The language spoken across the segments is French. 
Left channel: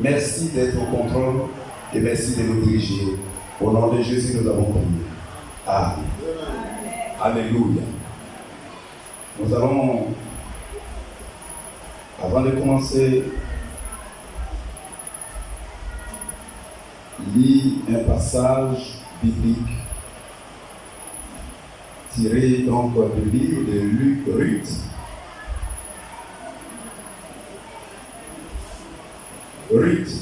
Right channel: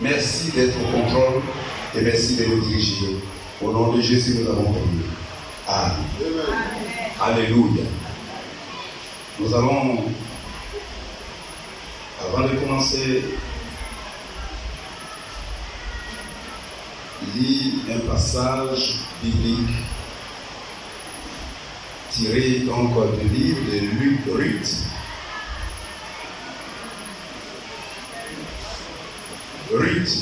Merci d'être au contrôle et merci de nous diriger. Au nom de Jésus, nous avons prié. Amen. Alléluia. Nous allons, avant de commencer, lire un passage biblique tiré donc du livre de Ruth. Ruth.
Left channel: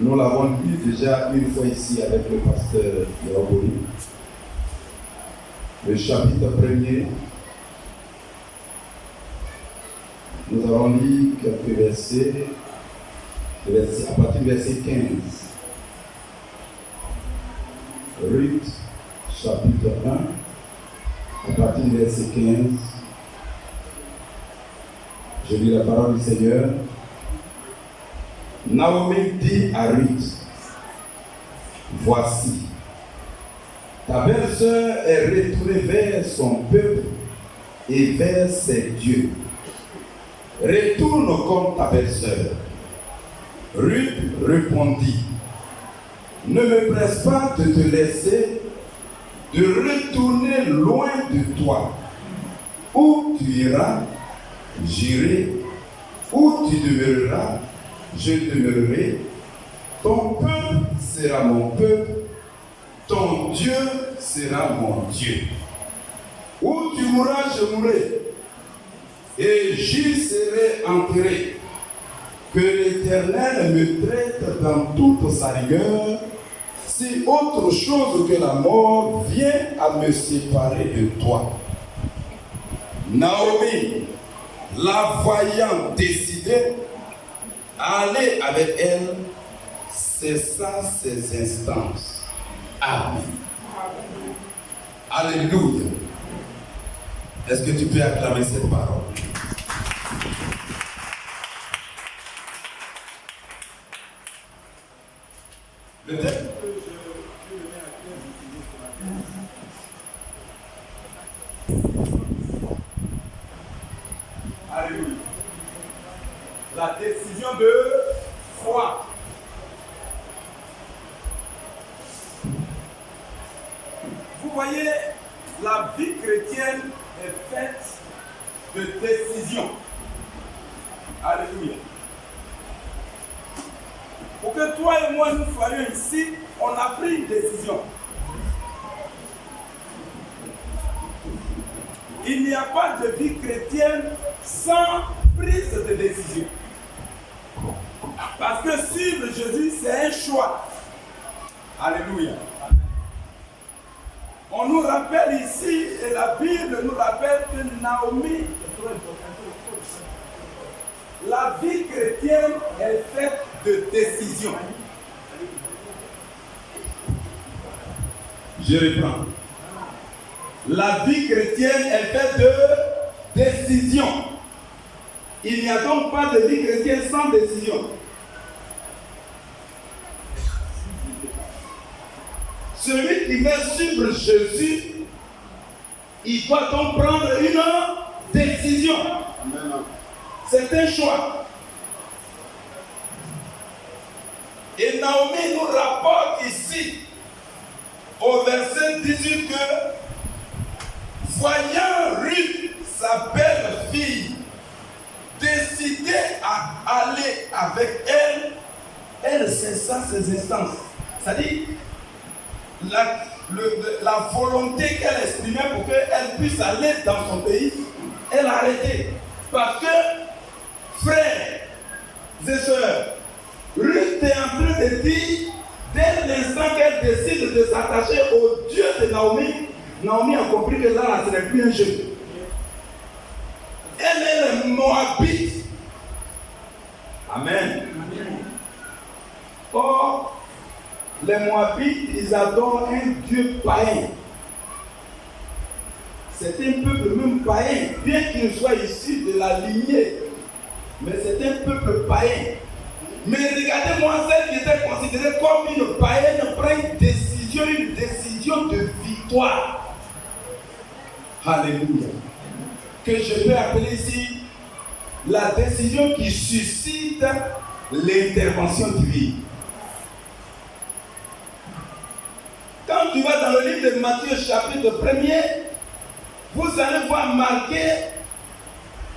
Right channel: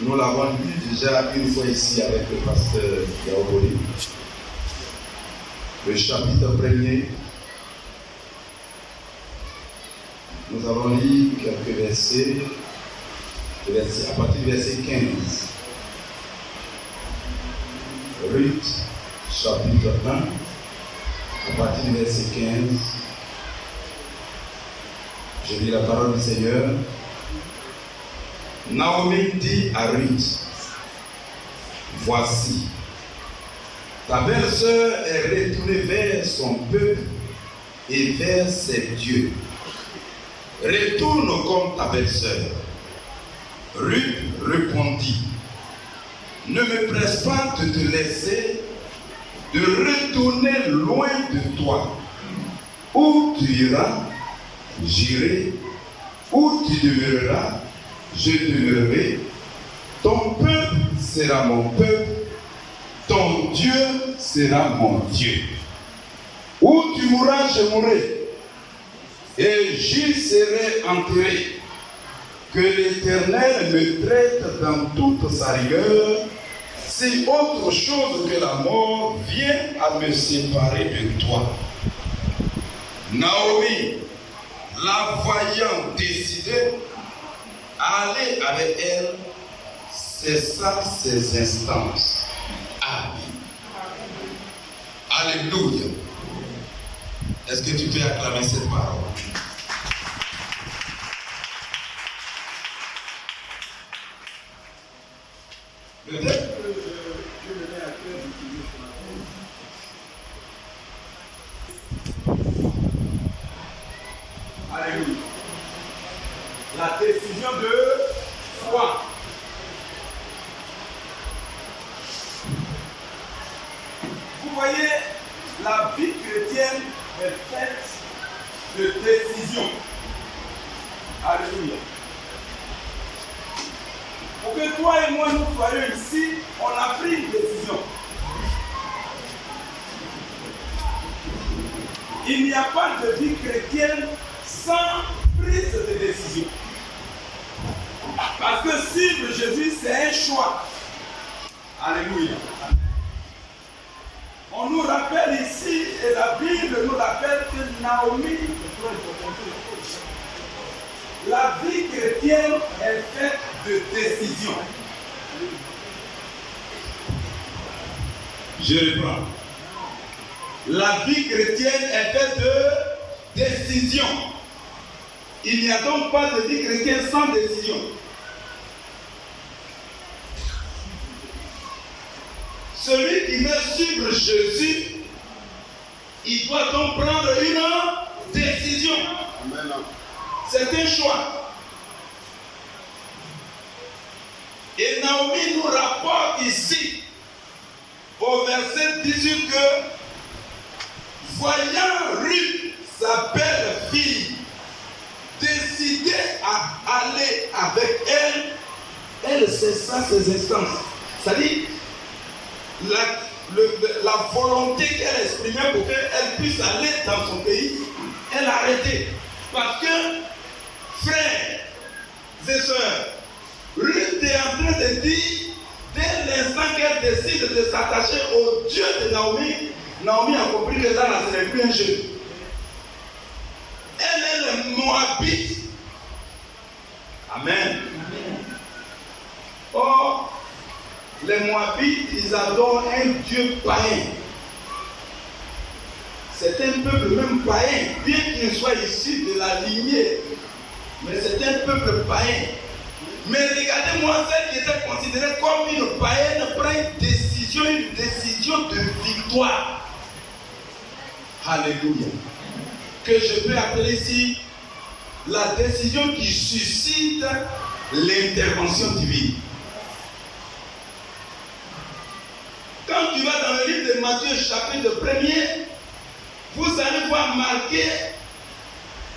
Nous l'avons lu déjà une fois ici avec le pasteur Yaoboli. Le chapitre 1er. Nous avons lu quelques versets à partir du verset 15. Ruth, chapitre 1, à partir du verset 15. Je lis la parole du Seigneur. Naomi dit à Ruth, voici, ta belle-sœur est retournée vers son peuple et vers ses dieux. Retourne comme ta belle-sœur. Ruth répondit, ne me presse pas de te laisser, de retourner loin de toi. Où tu iras, j'irai. Où tu demeureras, je demeurerai. Ton peuple sera mon peuple, ton Dieu sera mon Dieu. Où tu mourras, je mourrai, et j'y serai enterré. Que l'Éternel me traite dans toute sa rigueur, si autre chose que la mort vient à me séparer de toi. Naomi, la voyant décidée à aller avec elle, cessa ses instances. Amen. Alléluia. Est-ce que tu peux acclamer cette parole? Peut-être que je venais à cœur d'utiliser ce matin. Alléluia. La décision de foi. Vous voyez, la vie chrétienne est faite de décisions. Alléluia. Pour que toi et moi nous soyons ici, on a pris une décision. Il n'y a pas de vie chrétienne sans prise de décision. Parce que suivre Jésus, c'est un choix. Alléluia. On nous rappelle ici, et la Bible nous rappelle que Naomi, la vie chrétienne est faite de décisions. Je reprends. La vie chrétienne est faite de décisions. Il n'y a donc pas de vie chrétienne sans décision. Celui qui veut suivre Jésus, il doit donc prendre une décision. Amen. C'est un choix. Et Naomi nous rapporte ici, au verset 18, que voyant Ruth, sa belle-fille, décidée à aller avec elle, elle cessa ses instances. C'est-à-dire, la volonté qu'elle exprimait pour qu'elle puisse aller dans son pays, elle a arrêté. Parce que, frères et sœurs, Ruth est en train de dire, dès l'instant qu'elle décide de s'attacher au Dieu de Naomi, Naomi a compris que là, ce n'est plus un jeu. Elle est le Moabite. Amen. Or, les Moabites, ils adorent un Dieu païen. C'est un peuple même païen, bien qu'il soit issu de la lignée. Mais c'est un peuple païen. Mais regardez-moi, celle qui était considérée comme une païenne prend une décision de victoire. Alléluia. Que je peux appeler ici la décision qui suscite l'intervention divine. Quand tu vas dans le livre de Matthieu, chapitre 1er, vous allez voir marquer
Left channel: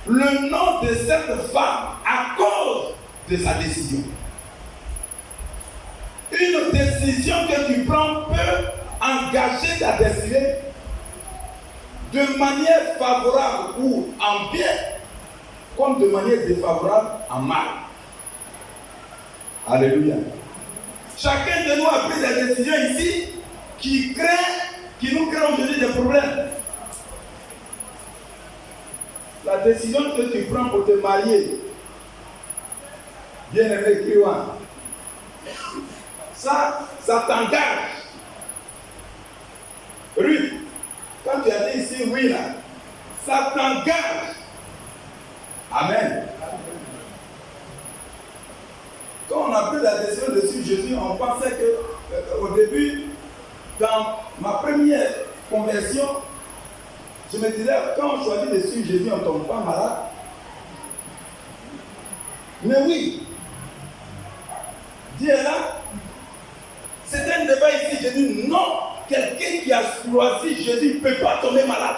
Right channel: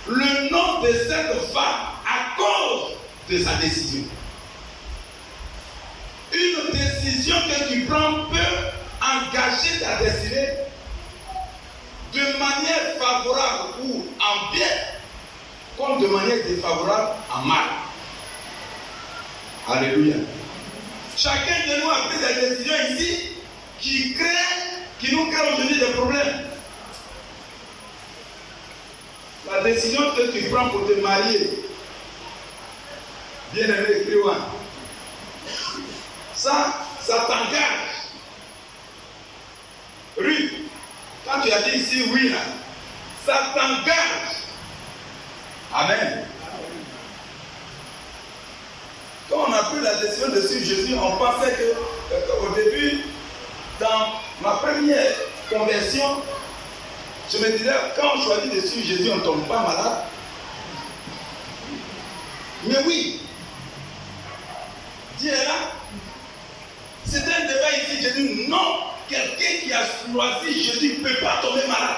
le nom de cette femme à cause de sa décision. Une décision que tu prends peut engager ta destinée de manière favorable ou en bien, comme de manière défavorable en mal. Alléluia. Chacun de nous a pris des décisions ici qui nous créent aujourd'hui des problèmes. La décision que tu prends pour te marier, bien aimé écrivain, ça t'engage. Ruth, quand tu as dit ici oui, là, ça t'engage. Amen. Quand on a pris la décision de suivre Jésus, on pensait qu'au début, dans ma première conversion, je me disais, quand on choisit de suivre Jésus, on ne tombe pas malade. Mais oui, Dieu est là. C'est un débat ici. Je dis non, quelqu'un qui a choisi Jésus ne peut pas tomber malade.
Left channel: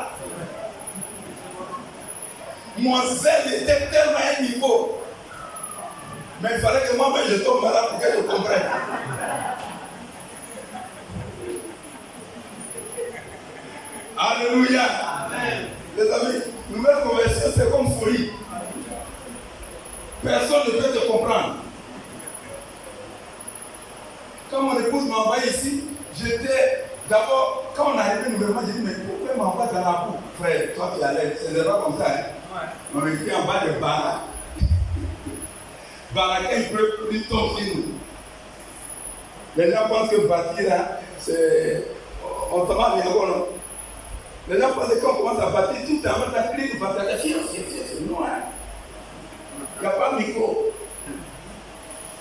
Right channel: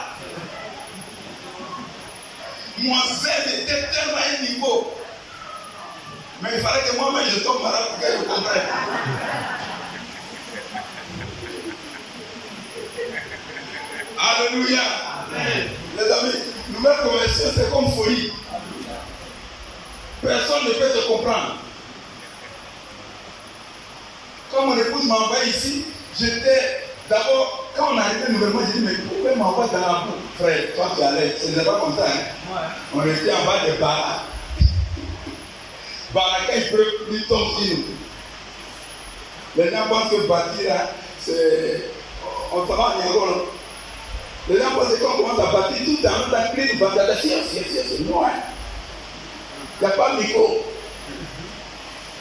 Mon zèle était tellement à un niveau. Mais il fallait que moi-même je tombe malade pour que je comprenne. Alléluia. Amen. Les amis, nouvelle conversion, c'est comme folie. Personne ne peut te comprendre. Quand mon épouse m'a envoyé ici, j'étais d'abord, quand on est arrivé nouvellement, j'ai dit, mais pourquoi m'envoie dans la boue? Frère, toi tu es à l'aise, ce n'est pas comme ça. Hein? On était en bas des barres. Quand il pleut, il tombe sur nous. Les gens pensent que bâtir là, c'est. On s'en va bien encore. Les gens pensent que quand on commence à bâtir, tout en même temps, il va faire la science, c'est noir. Il n'y a pas de micro.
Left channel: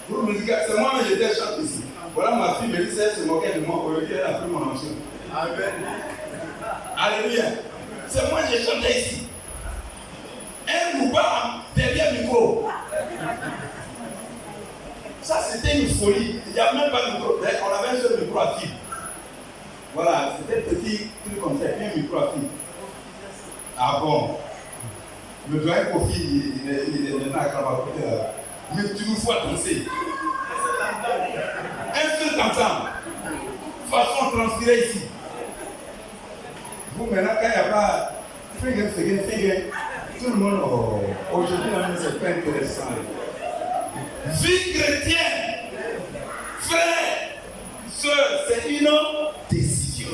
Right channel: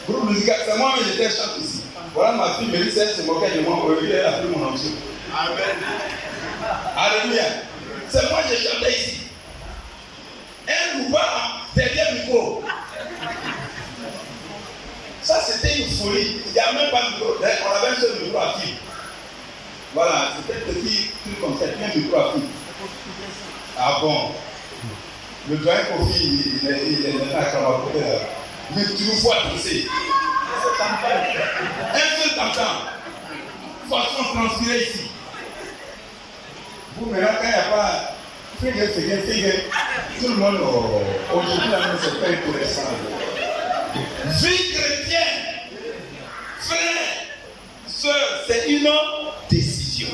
Groupe musical, c'est moi, mais j'étais chante ici. Voilà ma fille, Mélissa, elle se moquait de moi. Aujourd'hui, elle a pris mon option. Amen. Alléluia. C'est moi, j'ai chanté ici. Elle nous bat derrière le micro. Ça, c'était une folie. Il n'y a même pas de micro. On avait un seul micro à fil. Voilà, c'était un petit truc comme ça, un micro à fil. Ah bon? Le doyen Kofi, il est là quand on va couper là. Mais tu nous vois danser. Un seul t'entend. Façon transpirer ici. Vous, maintenant, quand il n'y a pas. Fais, tout le monde. Aujourd'hui, la même, c'est pas intéressant. Vie chrétienne, frère, soeur, c'est une décision.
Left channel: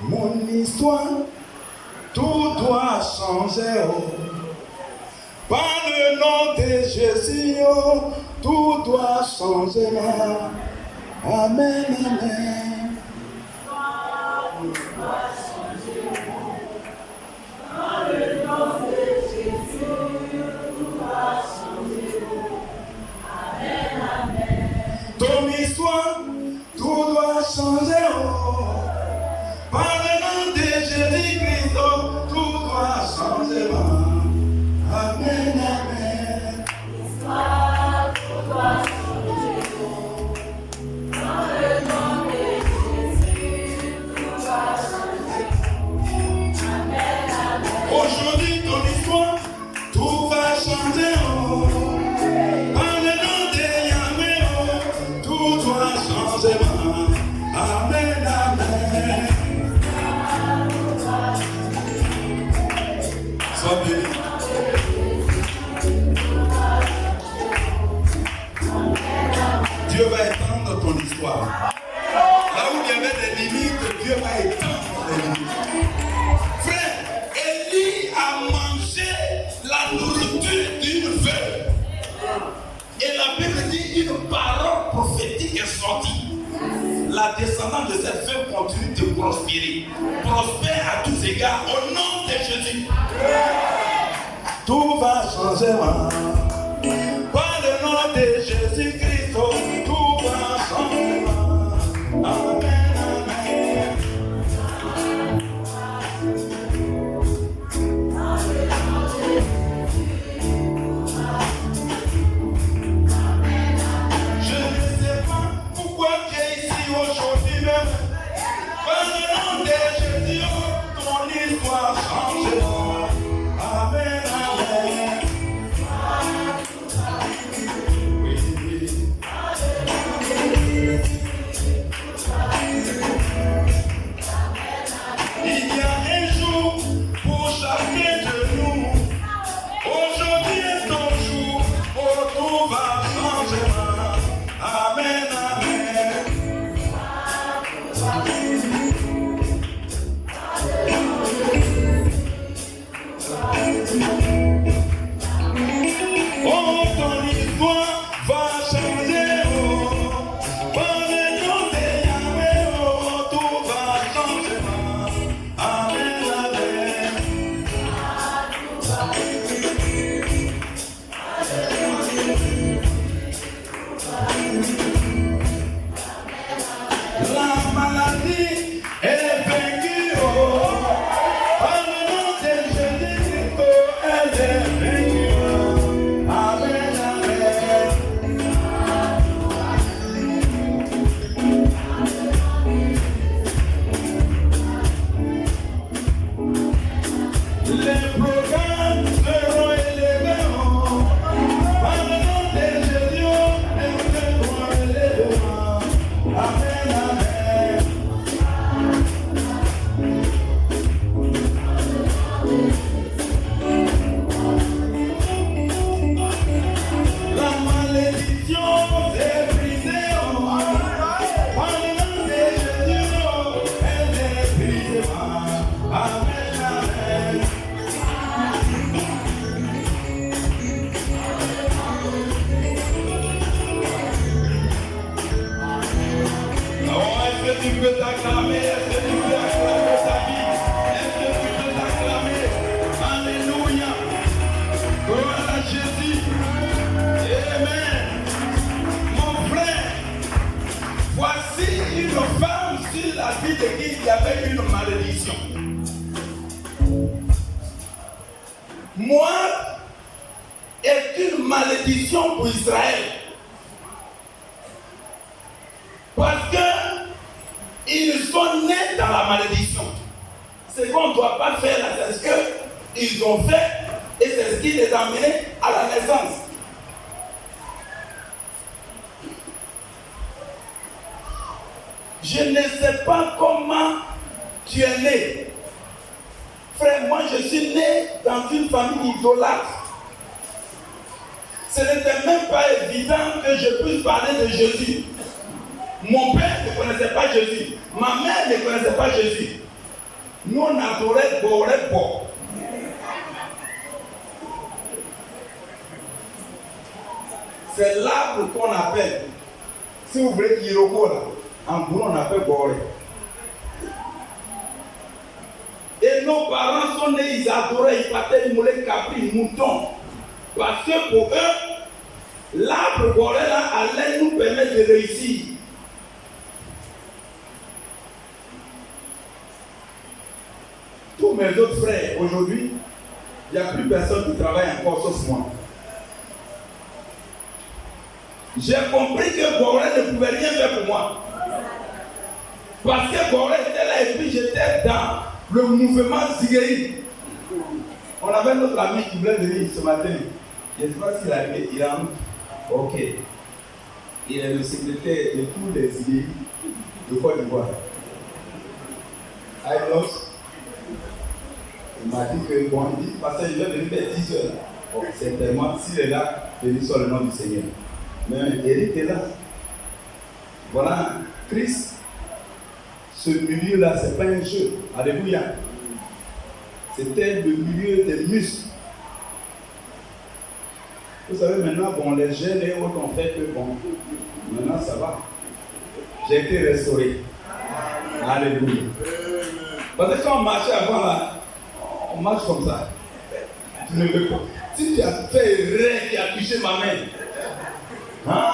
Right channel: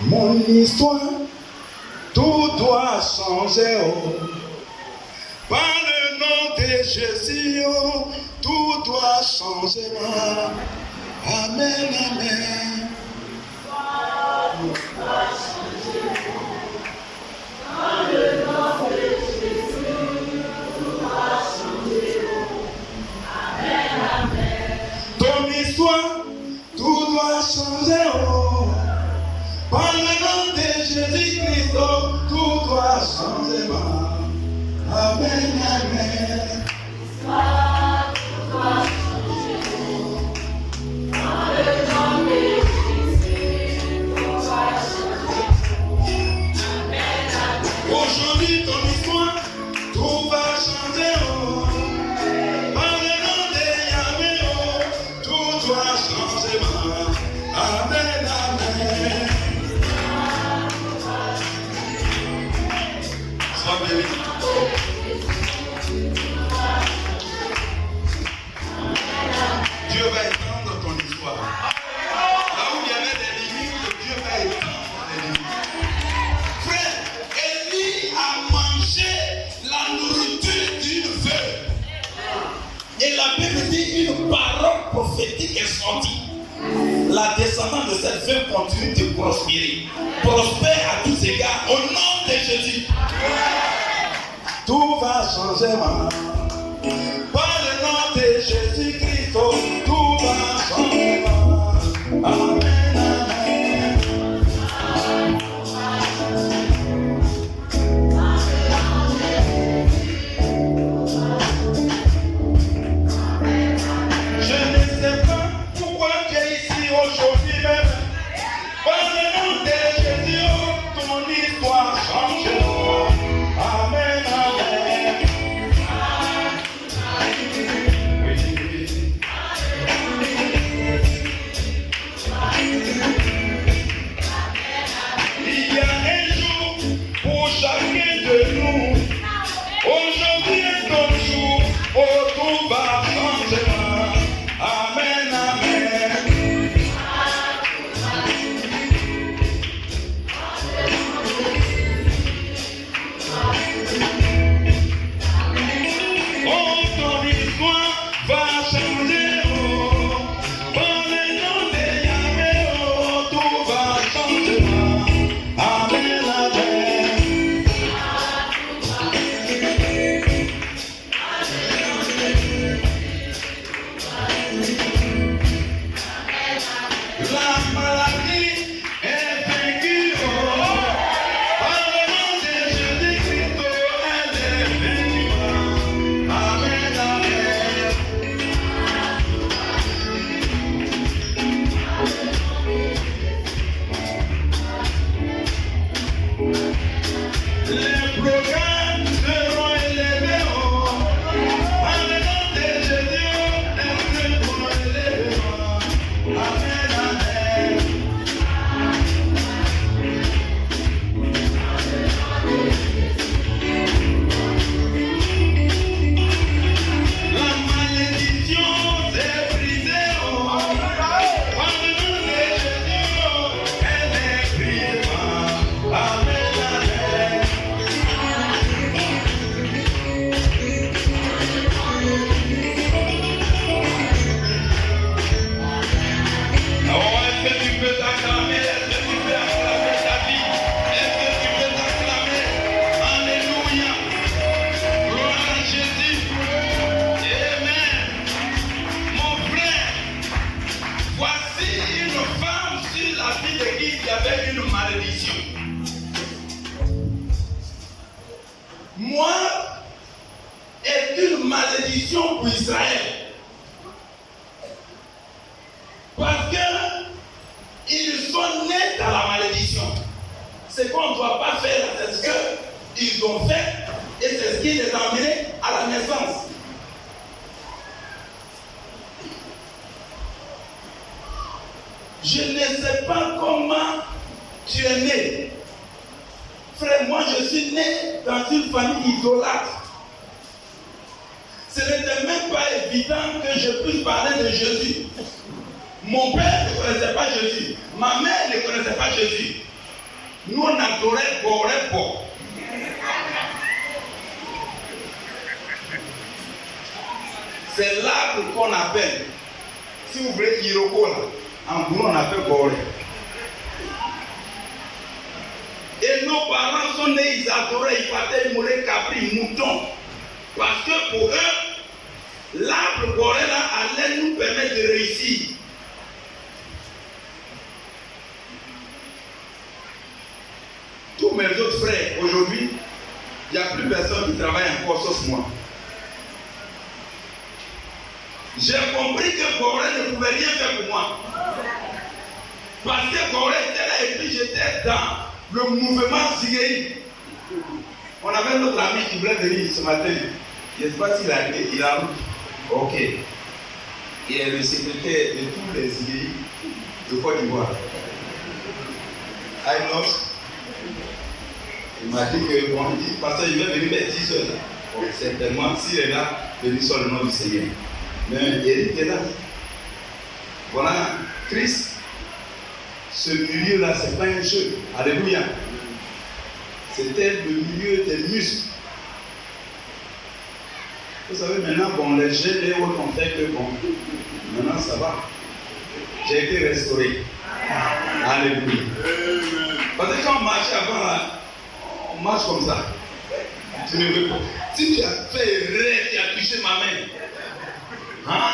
Mon histoire, tout doit changer. Oh. Par le nom de Jésus, oh, tout doit changer. Amen, amen. Tout doit changer. Par le nom de Jésus, tout doit changer. Amen, amen. Ton histoire, tout doit changer. Oh. Par le nom de Jésus-Christ, oh, tout doit changer. Amen, amen. L'histoire, tout doit changer. Par le nom de Jésus, tout doit changer. Amen, amen. Aujourd'hui, ton histoire, tout va changer. Oh. Par le nom de Yahweh, oh, tout doit changer. Amen, amen. Sois béni. Dieu va étendre ton histoire. Là où il y avait des limites, Dieu va étendre les limites. Frère, Élie a mangé la nourriture d'une veuve. Et la Bible dit une parole prophétique est sortie. La descendance de cette veuve continue de prospérer. Prospère à tous égards au nom de Jésus. Tout va changer, maman. Par le nom de Jésus-Christ, tout va changer. Amen, amen. Les programmes seront élevés. Par le nom de Jésus, les programmes seront élevés. Amen, amen. La malédiction s'est brisée. Par le nom de Jésus, elle est brisée. Amen, amen. Oh, est-ce que tu peux t'acclamer? Est-ce que tu peux acclamer ta vie? Est-ce que tu peux t'acclamer? Alléluia. Gloire à Jésus. Amen. Mon frère, voici une femme sur la vie de qui il y avait une malédiction. Moi, est une malédiction pour Israël. Parce que ils sont nés dans la malédiction. Ce qu'on ne doit pas faire là, c'est ce qu'ils ont fait et c'est ce qui les a amenés à la naissance. Je ne sais pas comment tu es né. Frère, moi je suis né dans une famille idolâtre. Ce n'était même pas évident que je puisse parler de Jésus. Mon père ne connaissait pas Jésus. Ma mère ne connaissait pas Jésus. Nous on adorait Boré-Bo. C'est l'arbre qu'on appelle. Si vous voulez Iroko là, en boulot on appelle Boré. Et nos parents sont nés, ils adoraient, ils battaient, ils moulaient capri, moutons. Parce que pour eux, l'arbre Boré là allait nous permettre de réussir. Tous mes autres frères, aujourd'hui, il n'y a plus personne qui travaille encore sauf moi. J'ai compris que Boré ne pouvait rien faire pour moi. Parce que Boré était là et puis j'étais dans le mouvement Zigei. On avait notre ami qui voulait venir ce matin. Je ne sais pas s'il a été, il a route. Ok. Il est le secrétaire de tous les Zigei de Côte d'Ivoire. Il m'a dit que bon, il dit, pasteur, il va venir vers 10 heures. Bon, certainement, s'il est là, venir sur le nom du Seigneur. Mais Eric est là. Voilà, Christ, ce milieu-là, ce n'est pas un jeu. Alléluia. C'était le milieu des muscles. Vous savez, maintenant, bon, les gènes et autres ont fait que bon, maintenant ça va. J'ai été restauré. Alléluia. Parce que quand on marchait avant là, on marche comme ça. Tu ne veux pas. Si tu as fait erreur, tu as touché ma main. Hein?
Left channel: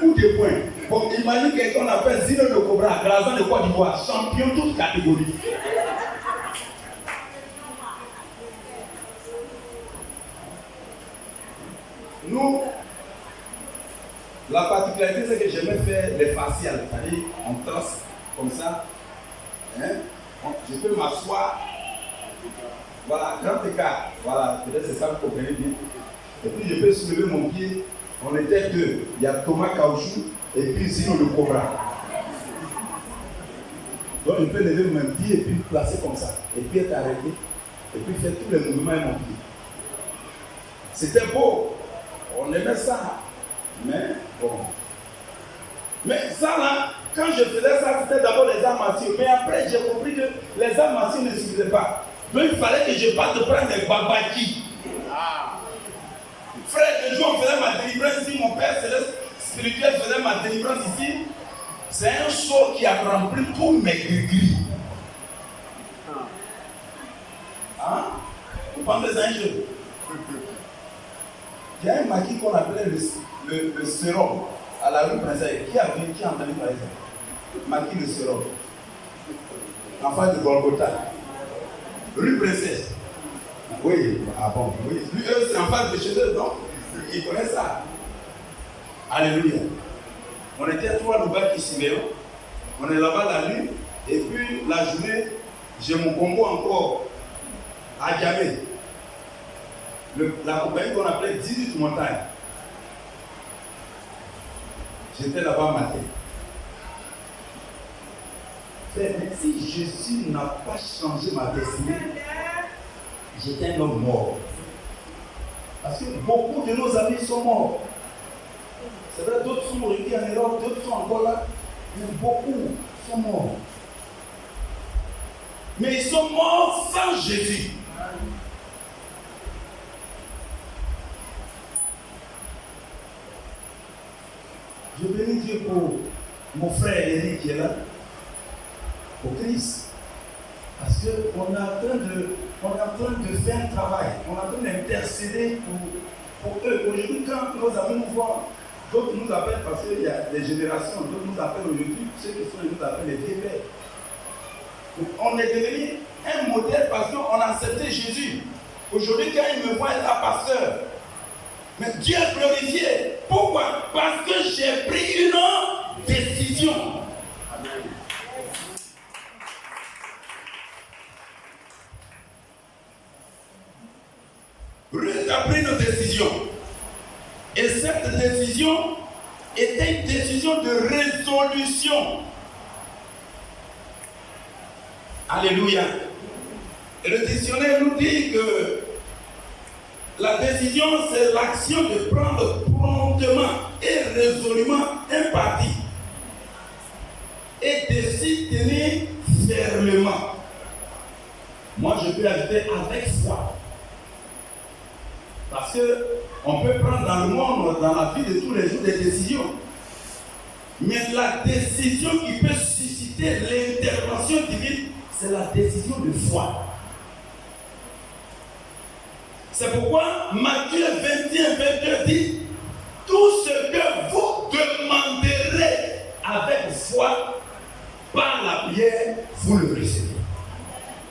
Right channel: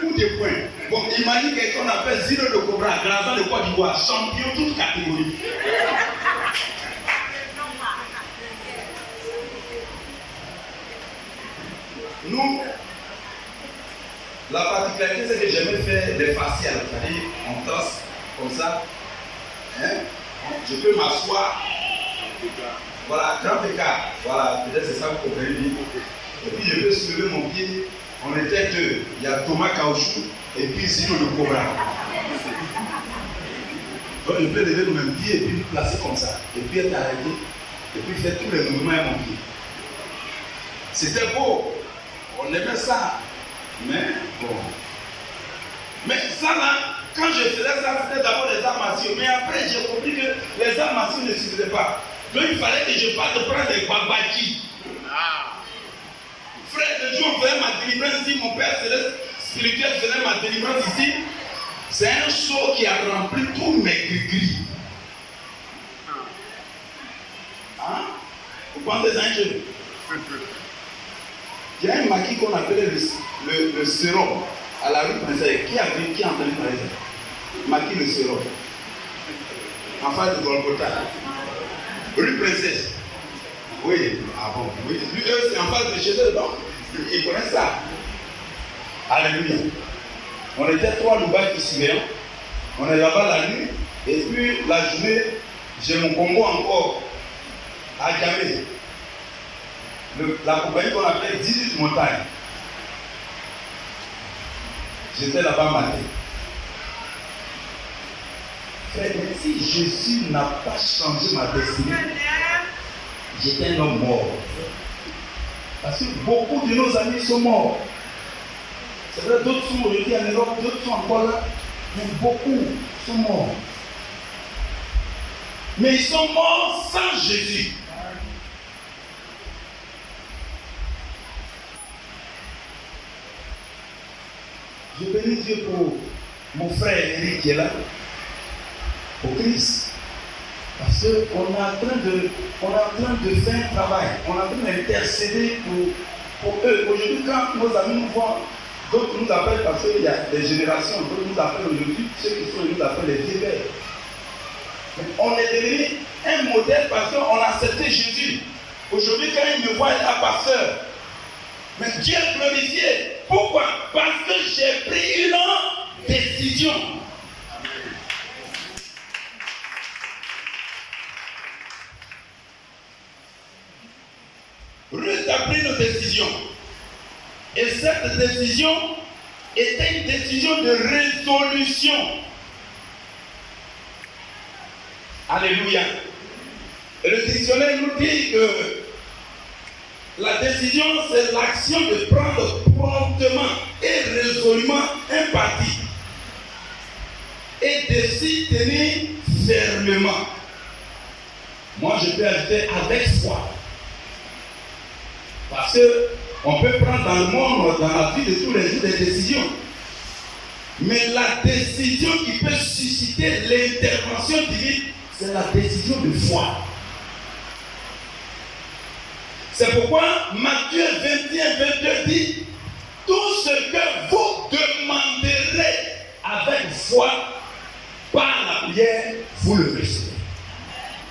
Coup de poing. Bon, imagine quelqu'un qu'on appelle Zino de Cobra, Grazan de Côte d'Ivoire, champion toute catégorie. Nous, la particularité, c'est que j'aimais faire des faciales. C'est-à-dire, on trace comme ça. Hein? Je peux m'asseoir. Voilà, grand écart. Voilà, peut-être c'est ça que vous comprenez bien. Et puis je peux soulever mon pied. On était deux. Il y a Thomas Caoutchouc et puis Zino le Cobra. Donc je peux lever mon pied et puis le placer comme ça. Et puis être arrêté. Et puis faire tous les mouvements avec mon pied. C'était beau. On aimait ça. Mais bon. Mais ça là, quand je faisais ça, c'était d'abord les arts martiaux. Mais après, j'ai compris que les arts martiaux ne suffisaient pas. Donc il fallait que je parte prendre les babaki. Frère de Dieu, on faisait ma délivrance ici. Mon père céleste spirituel faisait ma délivrance ici. C'est un seau qui a rempli tous mes gris-gris. Hein? Vous pensez à un jeu? Il y a un maquis qu'on appelait le sérum à la rue Princesse. Qui a entendu parler de ça? Maquis le sérum. En face de Golgotha. Rue Princesse. Oui, ah bon, oui. Eux, c'est en face de chez eux, donc ils connaissent ça. Alléluia. On était trois loups qui suivaient. On est là-bas la nuit, et puis la journée, J'ai mon Congo encore à Djamé. La compagnie qu'on appelle 18 montagnes. J'étais là-bas matin. Mais si Jésus n'a pas changé ma destinée, j'étais un homme mort. Parce que beaucoup de nos amis sont morts. C'est vrai, d'autres sont aujourd'hui en Europe, d'autres sont encore là, mais beaucoup sont morts. Mais ils sont morts sans Jésus. Je bénis Dieu pour mon frère Eric qui est là, pour Christ. Parce qu'on est en train de faire un travail, on est en train d'intercéder pour eux. Aujourd'hui, quand nos amis nous voient, d'autres nous appellent parce qu'il y a des générations, d'autres nous appellent aujourd'hui, ceux qui sont nous appellent les vieux pères. On est devenu un modèle parce qu'on a accepté Jésus. Aujourd'hui, quand ils me voient là, pasteur, mais Dieu est glorifié. Pourquoi? Parce que j'ai pris une décision. Ruth a pris une décision. Et cette décision était une décision de résolution. Alléluia. Et le dictionnaire nous dit que la décision, c'est l'action de prendre promptement et résolument un parti et de s'y tenir fermement. Moi, je peux ajouter avec foi. Parce qu'on peut prendre dans le monde, dans la vie de tous les jours, des décisions. Mais la décision qui peut susciter l'intervention divine, c'est la décision de foi. C'est pourquoi Matthieu 21-22 dit: tout ce que vous demanderez avec foi par la prière, vous le recevez.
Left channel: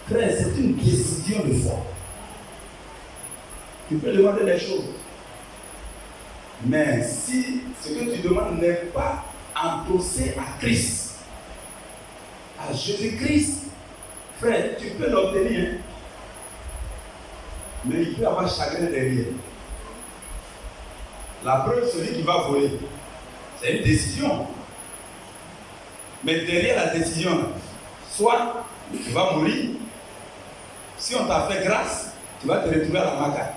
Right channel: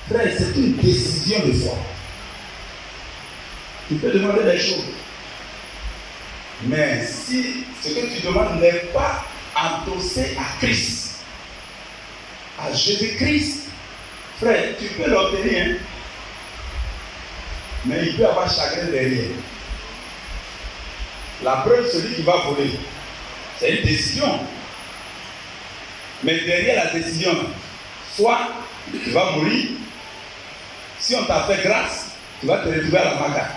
Frère, c'est une décision de foi. Tu peux demander des choses. Mais si ce que tu demandes n'est pas endossé à Christ, à Jésus-Christ, frère, tu peux l'obtenir. Hein? Mais il peut y avoir chagrin derrière. La preuve, celui qui va voler, c'est une décision. Mais derrière la décision, soit tu vas mourir, si on t'a fait grâce, tu vas te retrouver à la maca.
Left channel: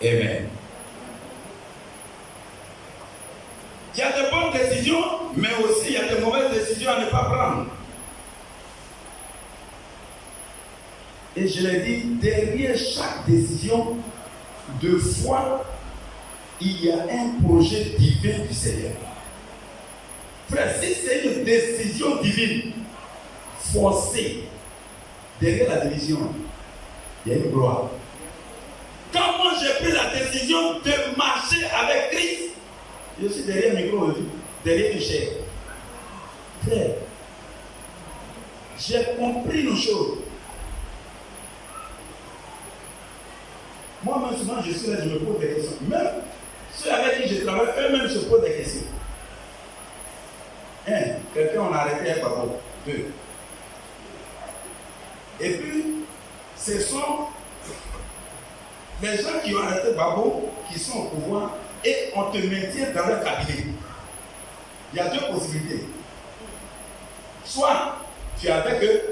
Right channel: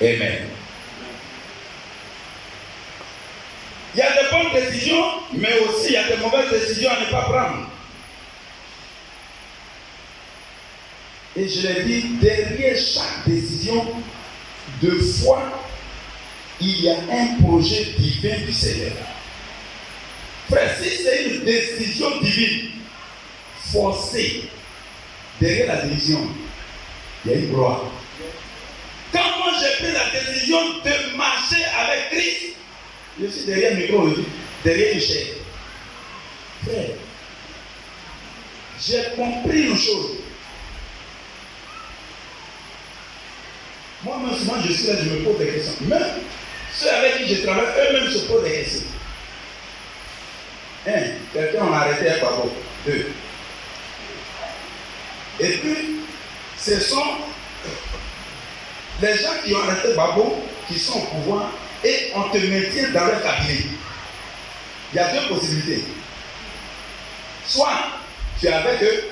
Amen. Il y a des bonnes décisions, mais aussi il y a des mauvaises décisions à ne pas prendre. Et je l'ai dit, derrière chaque décision de foi, il y a un projet divin du Seigneur. Frère, si c'est une décision divine forcée, derrière la décision, il y a une gloire. Quand moi j'ai pris la décision de marcher avec Christ, je suis derrière le micro aujourd'hui, derrière une chair. Frère, j'ai compris une chose. Moi-même, souvent, je suis là, je me pose des questions. Même ceux avec qui je travaille, eux-mêmes se posent des questions. Un, quelqu'un on a arrêté un papa. Deux. Et puis, ce sont les gens qui ont arrêté Babo, qui sont au pouvoir, et on te maintient dans leur cabinet. Il y a deux possibilités. Soit tu es avec eux,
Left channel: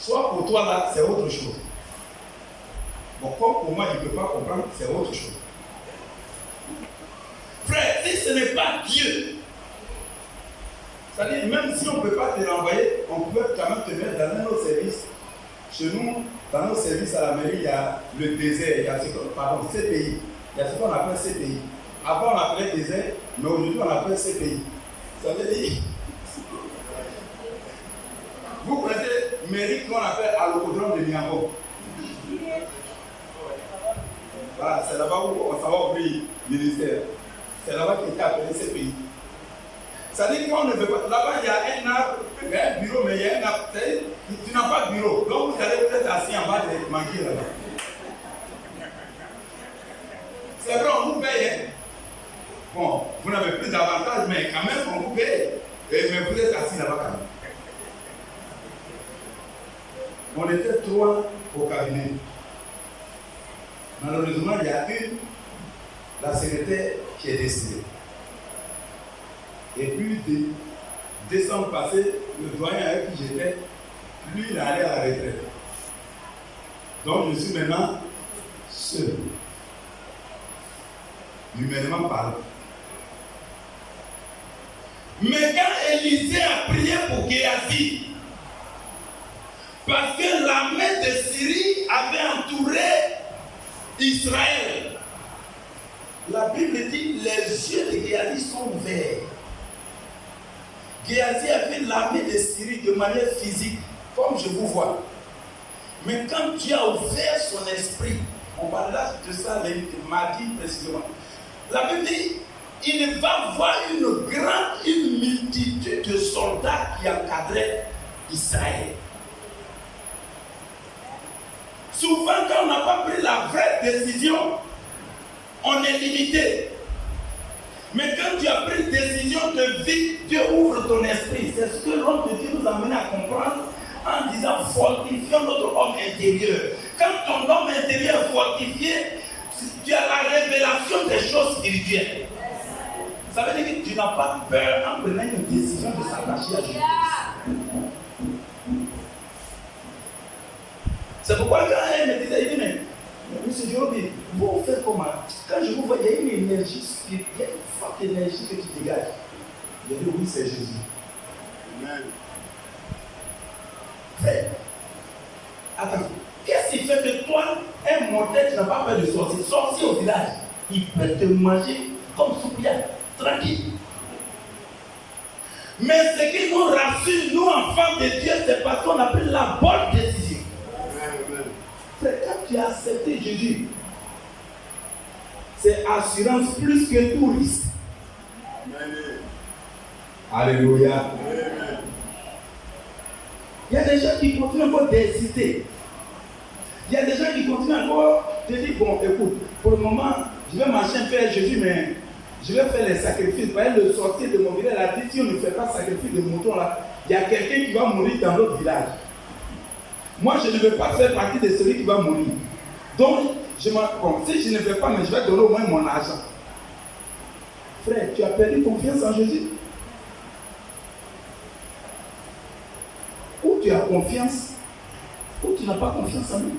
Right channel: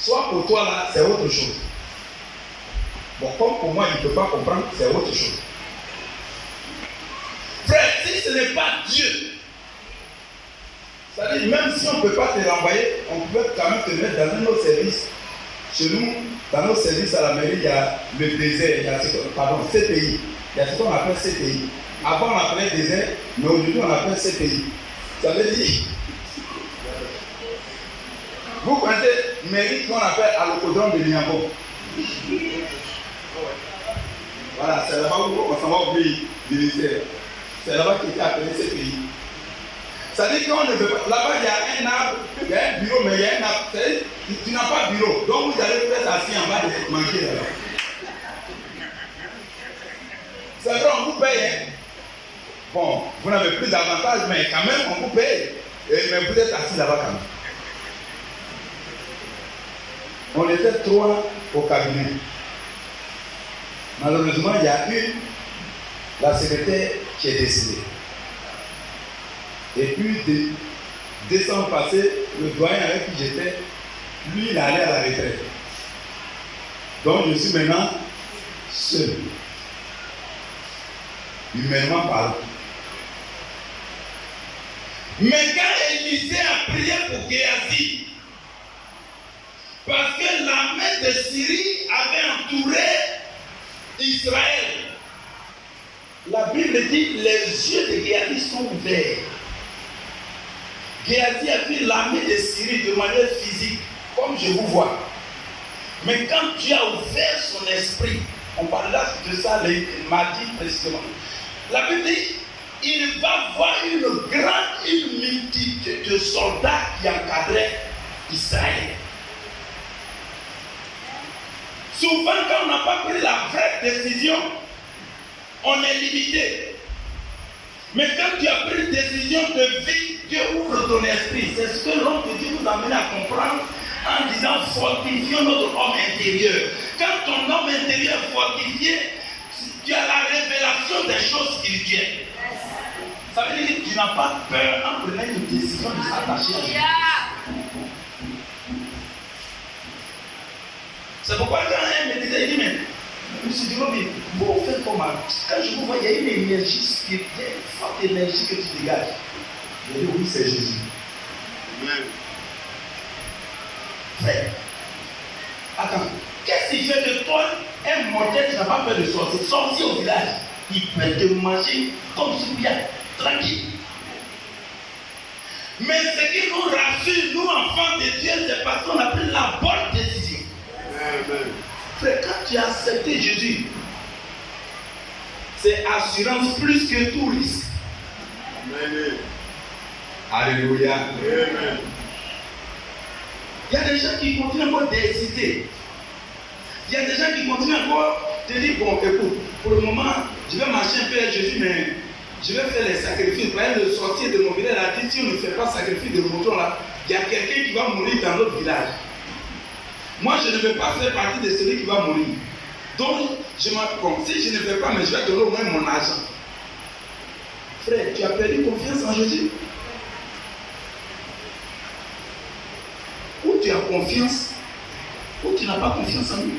soit pour toi là, c'est autre chose. Bon, comme pour moi, il ne peut pas comprendre, c'est autre chose. Frère, si ce n'est pas Dieu, c'est-à-dire même si on ne peut pas te renvoyer, on peut quand même te mettre dans nos services. Chez nous, dans nos services à la mairie, il y a le désert, il y a CPI. Il y a ce qu'on appelle CPI. Avant, on appelait désert, mais aujourd'hui, on appelle CPI. Ça veut dire, vous connaissez mairie qu'on appelle à l'hippodrome de Niambo. Voilà, c'est là-bas où on s'en va au pays ministère. C'est là-bas qu'il est appelé CPI. Ça veut dire qu'on ne veut pas. Là-bas, il y a un arbre, il y a un bureau, mais il y a un arbre. Tu n'as pas de bureau. Donc, vous allez peut-être assis en bas et manquer là-bas. C'est vrai, on vous paye. Hein? Bon, vous n'avez plus d'avantage, mais quand même, on vous paye. Mais vous êtes assis là-bas quand même. On était 3 au cabinet. Malheureusement, il y a la secrétaire qui est décédée. Et puis, de décembre passé, le doyen avec qui j'étais, lui, il allait à la retraite. Donc, je suis maintenant seul. Humainement parlant. Mais quand Élisée a prié pour Géasi, parce que la main de Syrie avait entouré Israël, la Bible dit les yeux de Géasi sont ouverts. Géasi a vu l'armée de Syrie de manière physique, comme je vous vois. Mais quand Dieu a ouvert son esprit, on parlera de ça le mardi précisément. La Bible dit, il va voir une multitude de soldats qui encadraient Israël. Souvent, quand on n'a pas pris la vraie décision, on est limité. Mais quand tu as pris une décision de vie, Dieu ouvre ton esprit. C'est ce que l'homme de Dieu nous amène à comprendre en disant fortifions notre homme intérieur. Quand ton homme intérieur est fortifié, tu as la révélation des choses spirituelles. Ça veut dire que tu n'as pas peur en prenant une décision de s'attacher à Dieu. C'est pourquoi quand elle me disait, il dit, mais monsieur Diobi, vous faites comment? Quand je vous vois, il y a une énergie spirituelle, il y a une forte énergie que tu dégages. Je dis, oui, c'est Jésus. Amen. Frère, attends, qu'est-ce qui fait de toi un mortel qui n'a pas peur de sortir? Sortir au village, il peut te manger comme sous bien, tranquille. Mais ce qui nous rassure, nous enfants de Dieu, c'est parce qu'on a pris la bonne décision. Amen. Frère, quand tu as accepté Jésus, c'est assurance plus que tout risque. Amen. Alléluia. Amen. Il y a des gens qui continuent encore d'hésiter. Il y a des gens qui continuent encore de dire, bon, écoute, pour le moment, je vais marcher un peu avec Jésus, mais je vais faire les sacrifices. Vous voyez, le sortir de mon village a dit, si on ne fait pas sacrifice de mouton là, il y a quelqu'un qui va mourir dans notre village. Moi, je ne veux pas faire partie de celui qui va mourir. Donc, bon, si je ne fais pas, mais je vais donner au moins mon argent. Frère, tu as perdu confiance en Jésus? Ou tu as confiance, ou tu n'as pas confiance en lui.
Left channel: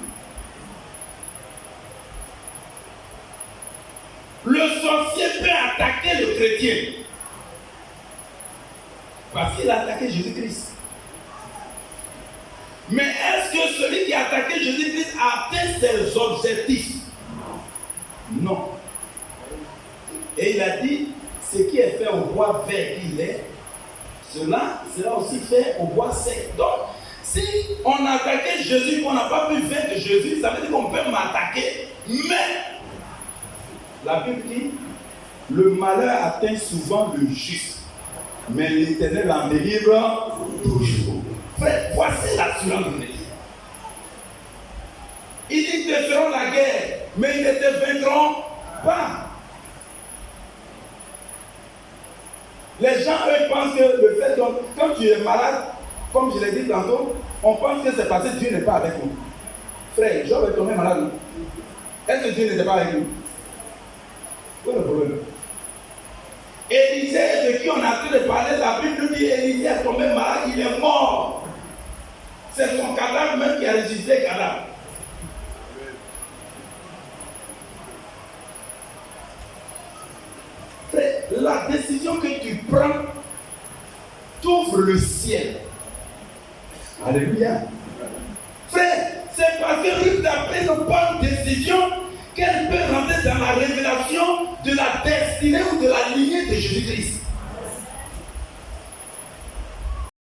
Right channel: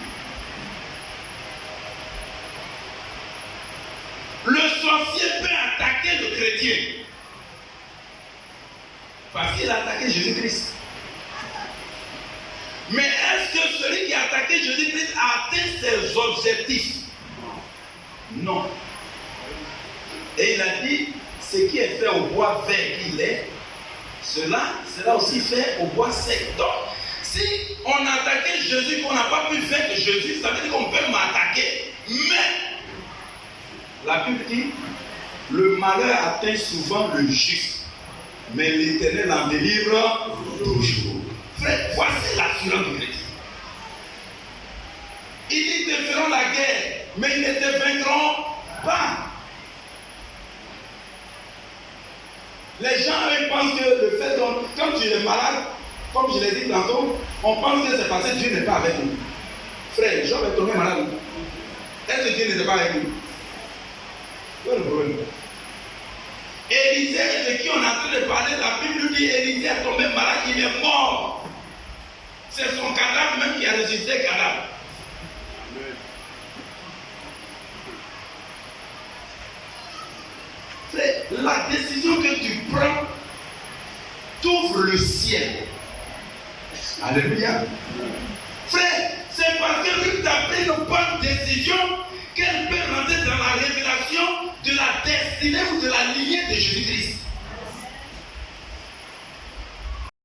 Le sorcier peut attaquer le chrétien parce qu'il a attaqué Jésus-Christ. Mais est-ce que celui qui a attaqué Jésus-Christ a atteint ses objectifs? Non. Et il a dit, ce qui est fait au bois vert qu'il est, cela sera aussi fait au bois sec. Donc, si on a attaqué Jésus, qu'on n'a pas pu vaincre Jésus, ça veut dire qu'on peut m'attaquer. Mais, la Bible dit, le malheur atteint souvent le juste, mais l'Éternel en délivre toujours. Frère, voici l'assurance du chrétien. Ils te feront la guerre, mais ils ne te vaincront pas. Les gens, eux, pensent que le fait que quand tu es malade, comme je l'ai dit tantôt, on pense que c'est parce que Dieu n'est pas avec nous. Frère, Job est tombé malade. Est-ce que Dieu n'était pas avec nous? Où est le problème? Élisée, de qui on est en train de parler, la Bible dit Élisée est tombé malade, il est mort. C'est son cadavre même qui a résisté cadavre. C'est la décision que tu prends t'ouvre le ciel. Alléluia. Frère, c'est parce que Ruth a pris une bonne décision qu'elle peut rentrer dans la révélation de la destinée ou de la lignée de Jésus-Christ.